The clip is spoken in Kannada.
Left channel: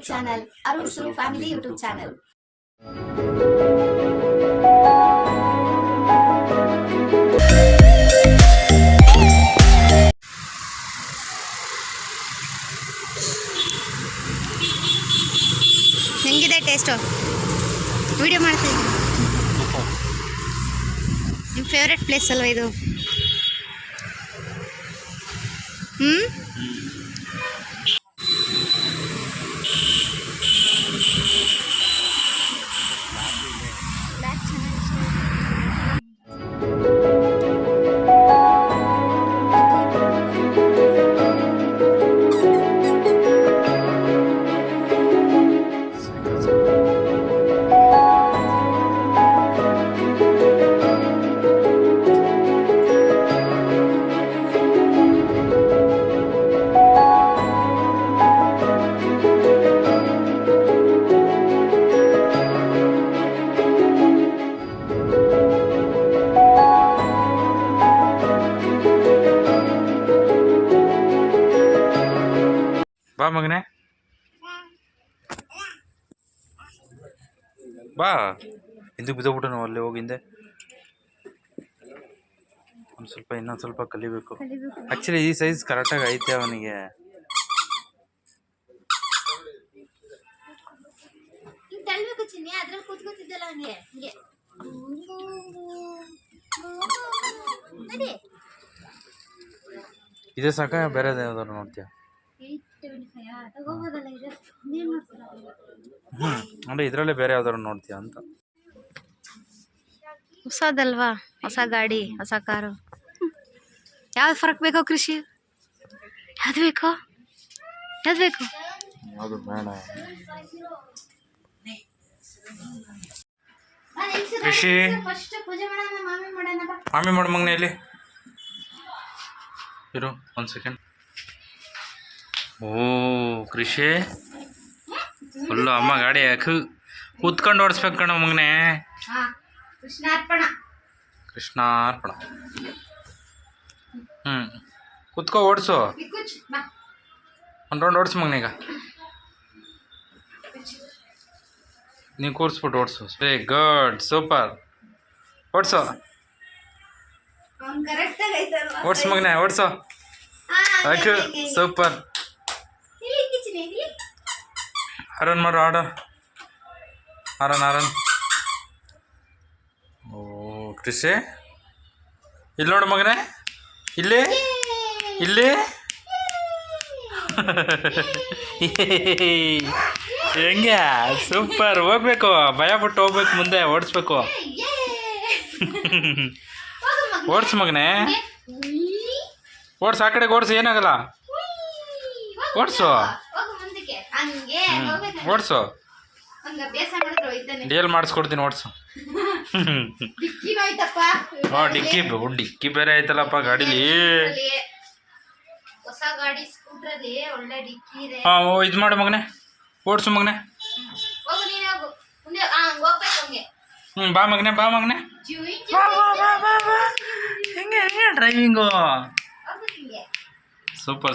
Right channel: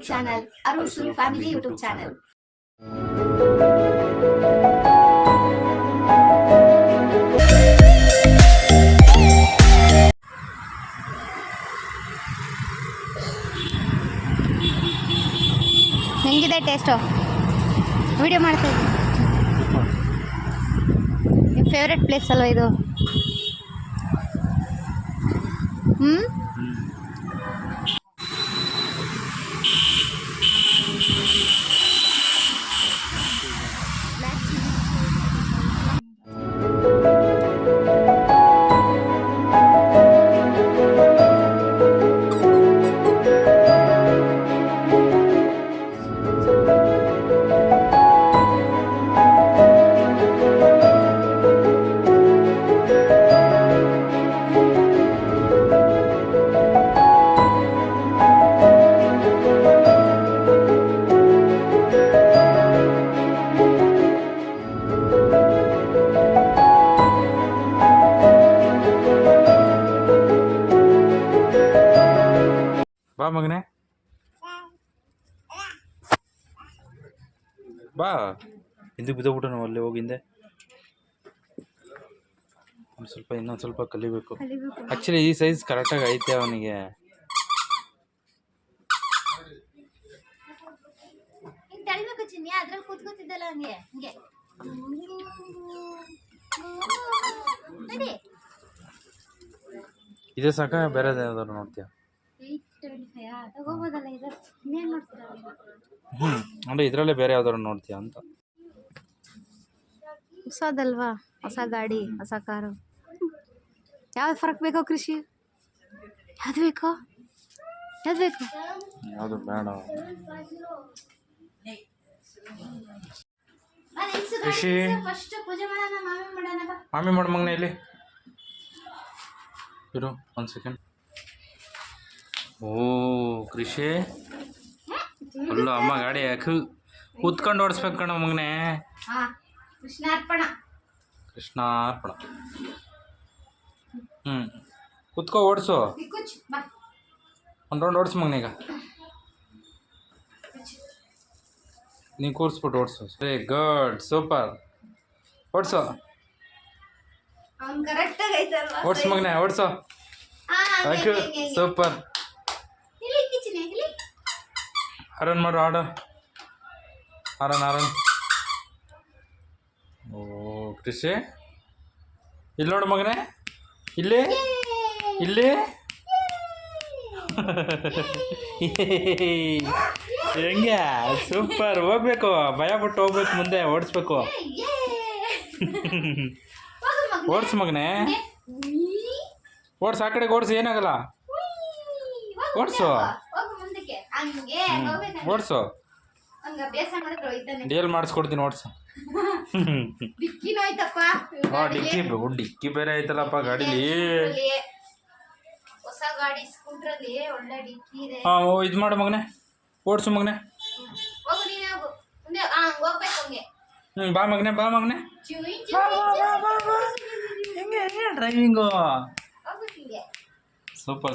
YouTube channel, Arusu family YouTube channel. ಹೆಂಗಿದೆ ಟೇಸ್ಟು? ವಿಡಿಯೋ ಮಾಡ್ತಾ ಇದ್ದೀನಿ. ನಿಮ್ಮ ಫೇವ್ರೆಟ್ ಪ್ಲೇಸ್ ಅಲ್ವಾ ಇದು? ಬಾ ಮಗನೇ, ಬಾ. ಹಿಂದಕ್ಕೆ ಬಿದ್ದೋಗ್ಬಿಟ್ಟು ನಾವು ಅಲ್ಲಿ ಹೋಗಿಂದೆ. ಇನ್ನೊಂದು ಸ್ವಲ್ಪ ಕಲಿಬೇಕು. ಆ್ಯಕ್ಚುಲಿ ಈ ಸೈಜ್ ಕರೆಕ್ಟಾಗಿ ಐತೆ ಅವನಿಗೆ. ಇದೇ ಸಾಕ, ಬೇರೆದು ಯಾವ್ದಾದ್ರು ನೋಡ್ತೀಯ? ಅಂದ್ರೆ ಇದರಲ್ಲೇ ಬೇರೆ ಯಾವ್ದಾದ್ರು ನೋಡ್ತೀಯ ಅಂತ. ಹೊಸದಲ್ವಾ, ಹೊಸ ಗಾಡಿ, ಹೊಸ ಕಾರು. ಯಾವ್ದು ಫರಕ್ ಬೇಕೋ ಕೃಷಿ? ಯಾವ್ದು ಬೇಕೋ? ಯಾವ್ದು ಬೇಕು? ಯಾವುದು ಬೇಡ. ಕೃಷಿ ಮಾಮಿ ಮಾಡು ಮಗನೇ, ಇಲ್ಲಿ ಇರು ಒಂದು ಸೆಕೆಂಡ್. ಓ ಕೃಷಿ ಫುಲ್ಲು ಅಮ್ಮ ಗಾಡಿ ಯಾಕೆ ಕೂತ್ಕೊಂಡು ಓಡಿಸ್ಬೇಕು ಕಣ ಮಗನೇ. ಕೃಷ್ಣಾರ್ಪಣ. ಕೃಷ್ಣಾರ್ಪಣ. ಕೂತ್ಕೋ, ಓಡಿಸು. ಒಂದು ರೌಂಡ್ ಓಡಿಸು ಮಗನೇ. ಈಗ ನೀವು ಕೂರಿಸ್ಬಿಟ್ಟು ಓಡಿಸು. Very good, super. ಓಡಿಸು, ಓಡಿಸು ಮಗನೇ, ಓಡಿಸು. ಯಾಕೆ ಸೂಪರ್. ಆರನ್ ಮಾಡು, ಆರನ್. ಓ ಕೃಷಿ, ಇಲ್ಲಿ ನೋಡು ಮಗನೇ, ಇಲ್ಲಿ ಹೆಂಗೆ ಸೂಪರ್. ಹೋಗ್ಬೇಕು, ಭಯ ಬಿಟ್ಟು ಹೋಗ್ಬೇಕು, ಮುಂದೆ ಓಡಿಸ್ಬೇಕು. ಓಡಿಸು ಮಗನೇ, ಓಡಿಸು. ಆ ಕಡೆಗೆ ಓಡಿಸು, ಏನಾಗಲ್ಲ. ಓಡಿಸು, ಓಡಿಸು. ಡಿ.ಎಲ್ ಮಾಡಿಸ್ಕೊಡ್ತೀನಿ, ಓಡಿಸು. ಡಿಕ್ಕಿ ಬೇರೆ ಆಯ್ತಲ್ಲಪ್ಪ ಗಾಡೀಲಿ. ಇದು ಮಾಡು ಮಗನೇ, ಓಡಿಸು ಮಗನೇ. ಬಾ ಮಗನೇ, ಹೆಂಗೆ ಡ್ರೈವಿಂಗು. ಸೂಪರ್.